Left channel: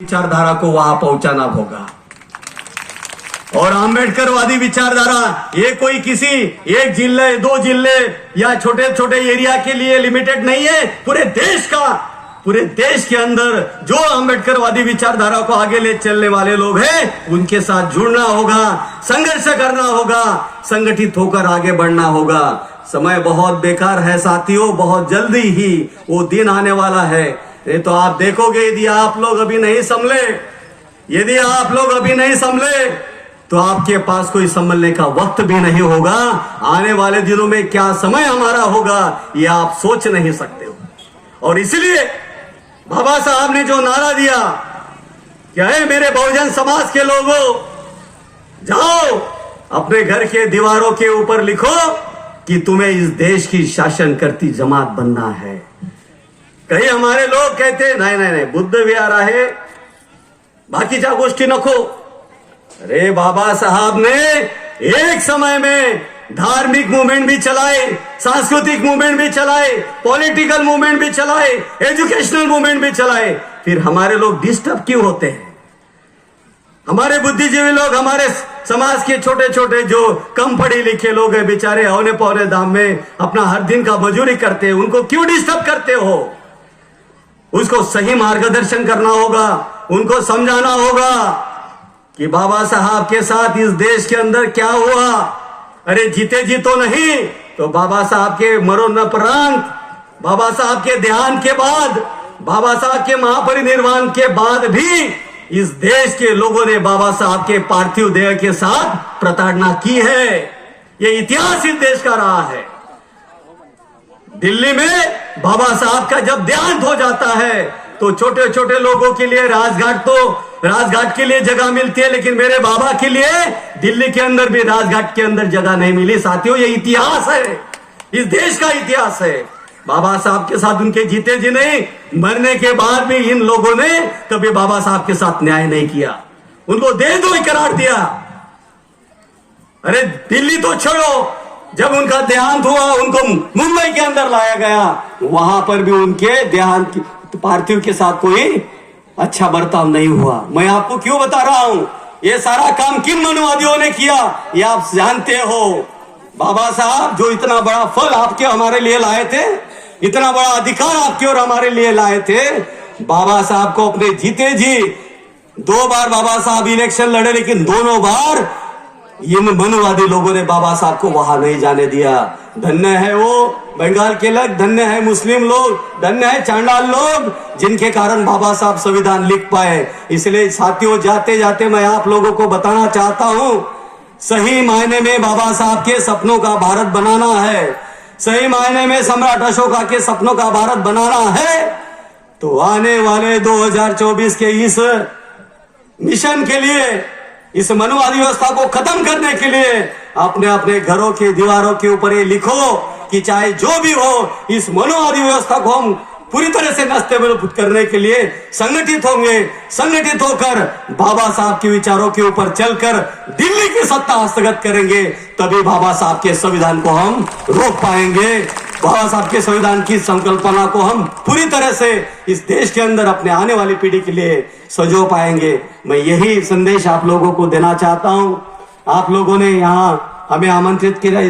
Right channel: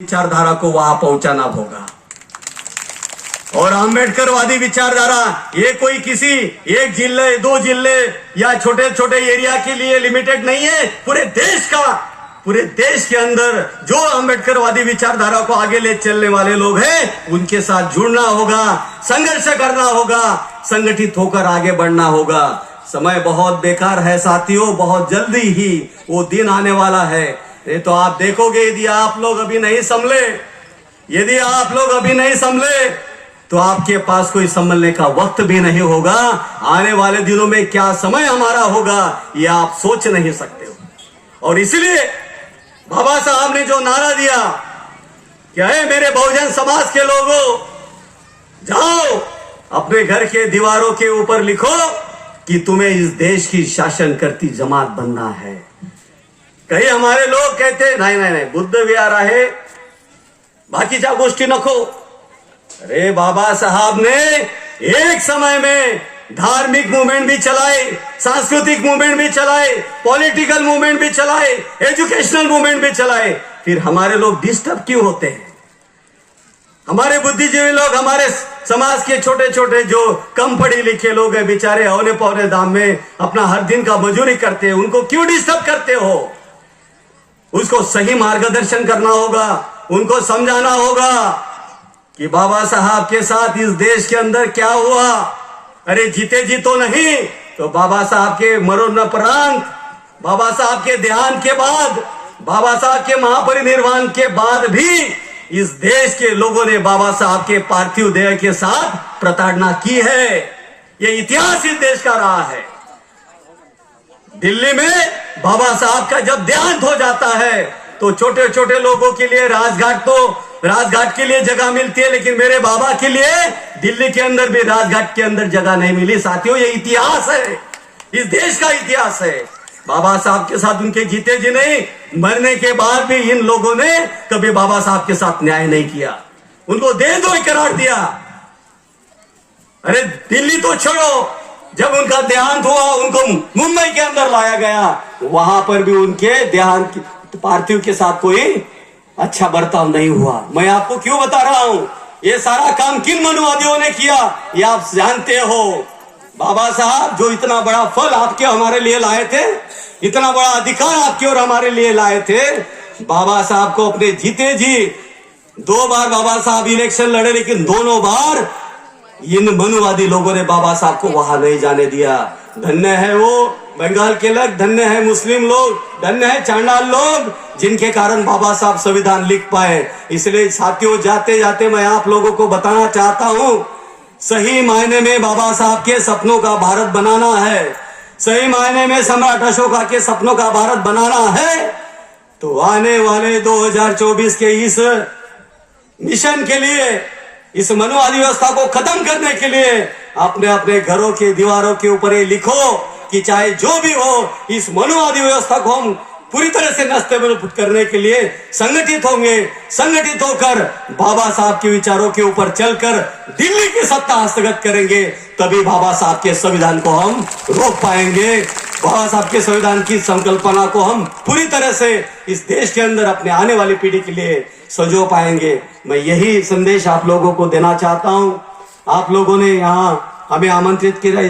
विचारधारा को वहां पहुंचाना होगा। और आंबेडकरवादी विचारधारा ये कोई किसी एक जिले, दो जिले या छोटे छोटे एरिया के लिए लिमिटेड नहीं है, पूरे देश के अंदर जो आंबेडकरवादी विचारधारा को आगे ले चलने वाले लोग हैं उनके साथ जुड़ना होगा, संघर्ष करना होगा, संगठित होकर आगे बढ़ना होगा। समय बहुत बेकार है साथियों, बहुत जल्दी ही वो दिन आने वाला है। ये तो आप देखोगे, यदि आप लोग अभी नहीं संभले तो आपके पास कोई संभलने का वक्त भी नहीं होगा। आने वाले दिनों में क्या समय हमारा होगा ये आप सोच नहीं सकते हो। और इसलिए बाबा साहब ने जो नारा दिया क्या है, मेरे बहुजन समाज के लोगों, जाओ अपने घर के दीवारों के ऊपर लिखो कि तुम्हें इस देश की शासन करती जमात बनना है। कहीं हमारे लोग कहते नहीं बुद्ध विहार आहे, बाकीच्या गोष्टी नको। अरे बाबा साहब ने एक समय में धार्मिक मूवमेंट भी चलाए, सांस्कृतिक मूवमेंट भी चलाए, पॉलिटिकल मूवमेंट भी चलाए, एजुकेशनल मूवमेंट भी चलाए। फिर हमारे लोग डिस्टर्ब क्यों होते हैं? हमारे बुद्धिजीवी लोग, हमारे समाज के छोटे छोटे जो कम पढ़े लिखे लोग हैं, बेचारे औने पौने दाम में अपना हर दिन का मजूरी करते हैं, उनको क्यों डिस्टर्ब करते हो? उसको सही मार्गदर्शन करना होगा, उनको समझाना होगा कि बाबा साहब के साथ इस देश के अंदर क्या हुआ। अरे जीते जी तो नहीं, तो बाबा साहब के मरणोपरांत, बाबा साहब के देहांत के बाद, बाबा साहब के महापरिनिर्वाण के बाद भी इस देश के लोगों ने बाबा साहब के पार्थिव देह के साथ प्रताड़ना की है। ये इतिहास इस देश का रहा है। दिल्ली में बाबा साहब का जब देहांत हो जाता है तो छोटे छोटे लोगों के लिए राजघाट के लिए जगह मिलती है, लेकिन मेरे बाबा के लिए दिल्ली के अंदर भी राजघाट के अंदर जगह नहीं मिली। साथियों, ये इतिहास है, इस देश का इतिहास है। बाबा साहब के साथ उनके जीते जी नहीं, मरने के बाद भी इन लोगों ने कभी बाबा साहब के साथ न्याय नहीं किया, उनको देशद्रोही करार दिया। अरे दिल्ली तो छोड़ो, जब उनका देहांत हुआ उनको मुंबई के अंदर लाया गया, वहां पर भी उनके देहांत पार्थिव के साथ कोई अच्छा बर्ताव नहीं हुआ। मैं आपको क्यों बता रहा हूं, ये सारा काम किन मनुवादियों ने किया ये आप जानते हो। बाबा साहब जो इतना बड़ा फल आपके हमारे लिए लाए थे, इतना बड़ा अधिकार आपके और हमारे लिए लाए थे, बाबा साहब को अपने जीते जी 2 बार बाबा साहब इलेक्शन लड़े, लेकिन दोनों बार इन मनुवादी लोगों ने बाबा साहब को वहां नहीं जाने दिया। धन्य है वो बंगाल के लोग, धन्य है मुस्लिम लोग, धन्य है चांडाल लोग, जिनके कारण बाबा साहब संविधान लिख पाए। इसलिए साथियों, जाते जाते मैं आप लोगों को बताना चाहता हूं, सही मायने में बाबा साहब के सपनों का भारत बनाना है, सही मायने में सम्राट अशोका के सपनों का भारत बनाना है, तो आने वाले 2024 के इस मिशन के लिए, इस मनुवादी व्यवस्था को खत्म करने के लिए अपने अपने घरों की दीवारों के ऊपर ये लिखो कि चाहे जो भी हो, इस मनुवादी व्यवस्था को हम पूरी तरह से नष्ट करने के लिए संगठित होंगे। संगठित होकर बाबा साहब के विचारों के ऊपर चलकर दिल्ली की सत्ता हस्तगत करेंगे, तभी बाबा साहब के संविधान को हम रोक पाएंगे। बाबा साहब के संविधान की संकल्पना को हम पूरी तरह से इस देश के अंदर अपने आने वाली पीढ़ी के लिए सजो पाएंगे। मैं यही संदेश आप लोगों को देना चाहता हूं। आप लोगों ने यहाँ हमें आमंत्रित किया।